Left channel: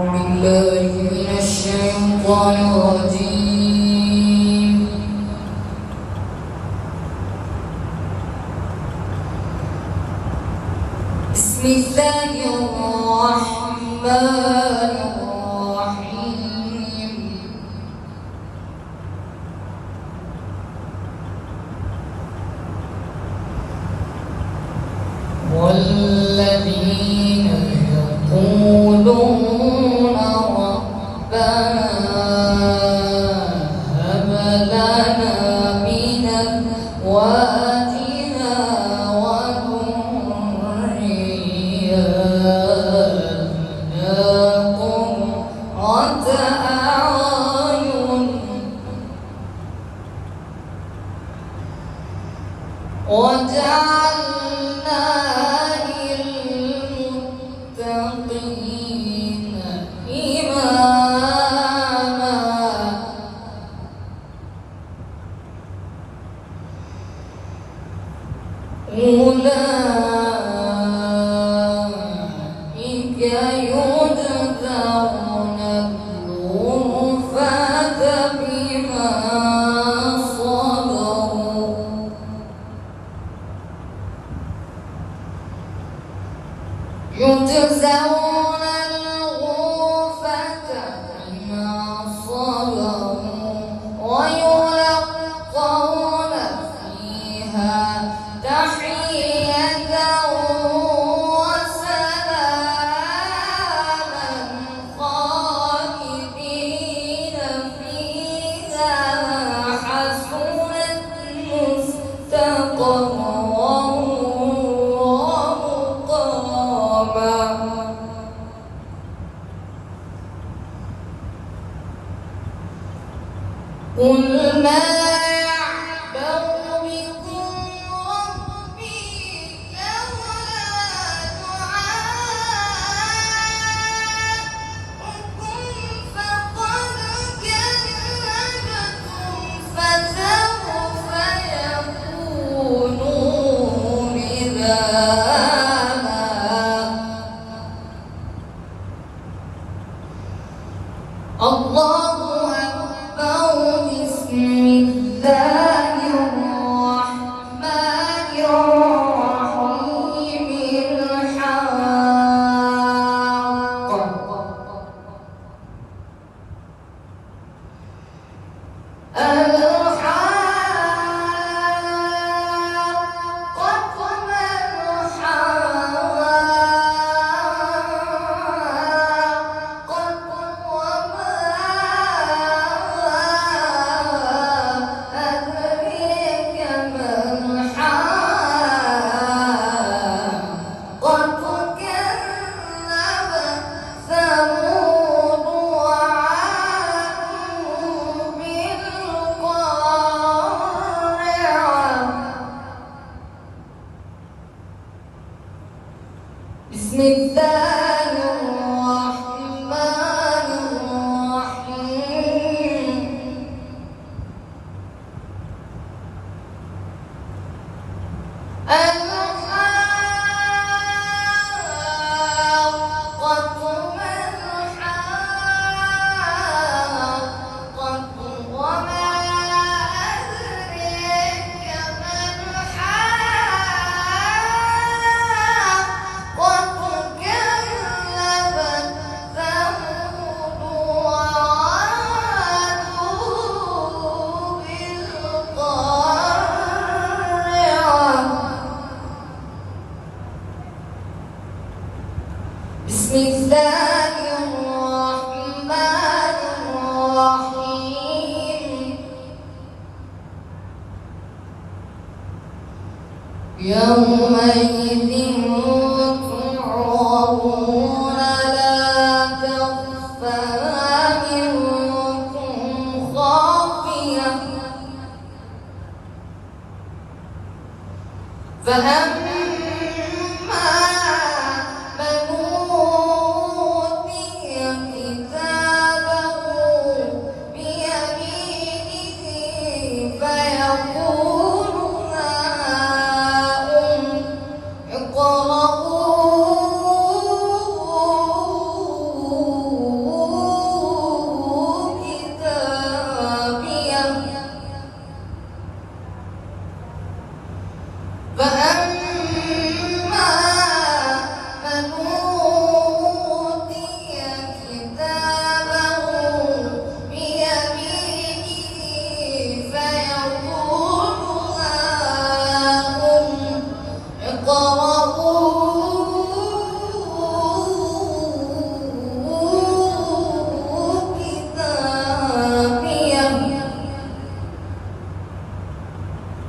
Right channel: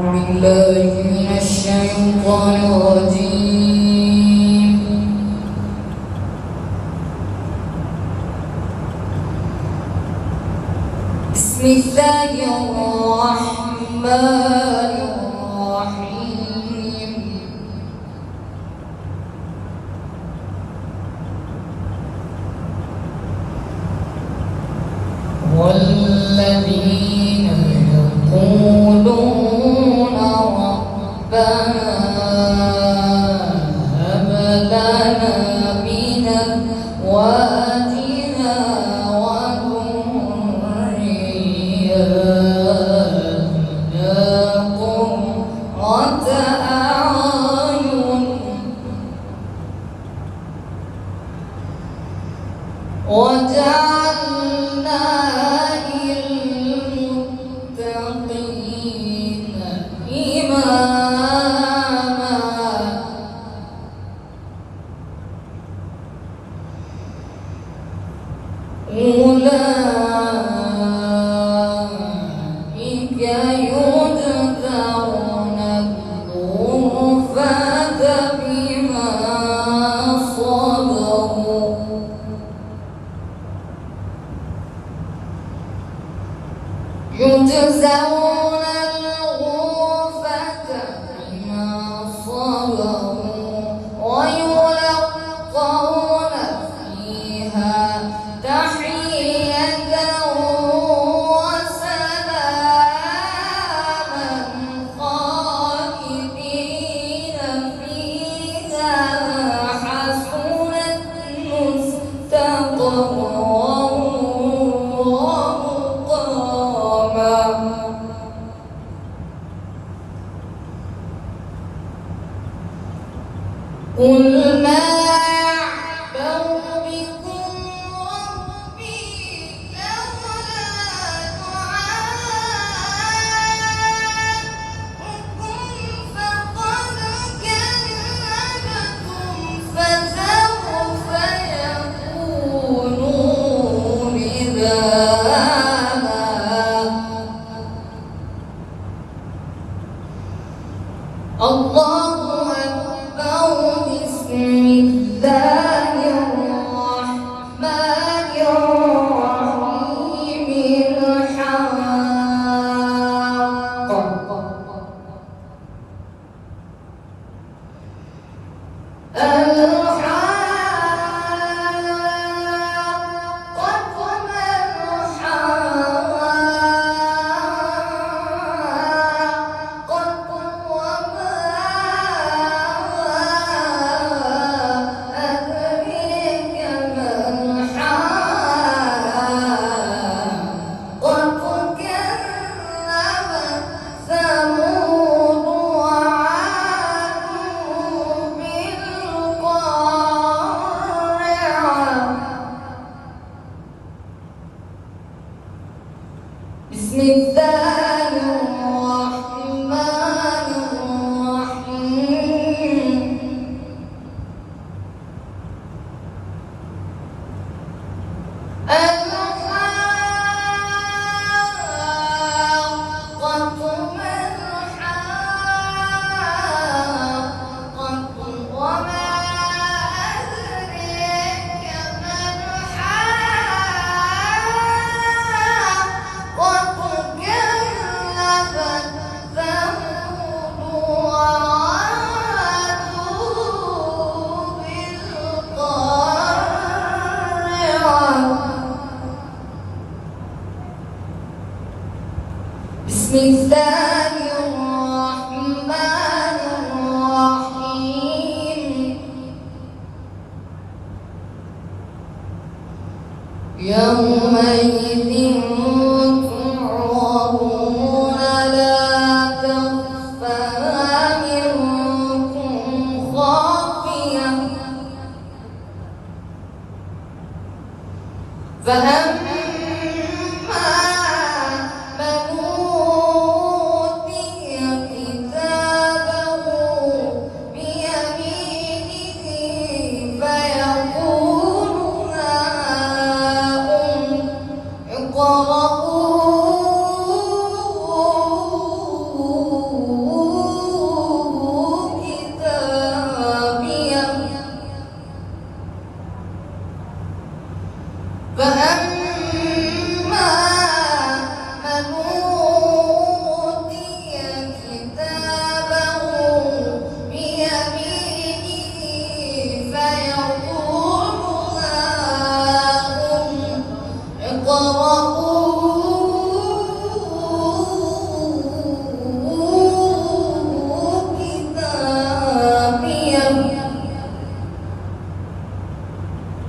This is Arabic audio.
بالله من الشيطان الرجيم. بسم الله الرحمن الرحيم. والذين يقولون ربنا هب لنا من أزواجنا وذرياتنا قرة أعين وجعلنا للمتقين إماما. أولئك يجزون الغرفة بما صبروا ويلقون فيها تحية وسلاما خالدين فيها حسنت مستقرا ومقاما. قل ما يعبأ بكم ربي لولا دعاؤكم فقد كذبتم فسوف يكون لزاما. الله أكبر. بسم الله الرحمن الرحيم. الحاقة ما الحاقة وما أدريك ما الحاقة. كذبت ثمود وعاد بالقارعة. بسم الله الرحمن الرحيم. الحاقة ما الحاقة وما أدريك ما الحاقة. كذبت ثمود وعاد بالقارعة. بسم الله الرحمن الرحيم. يوم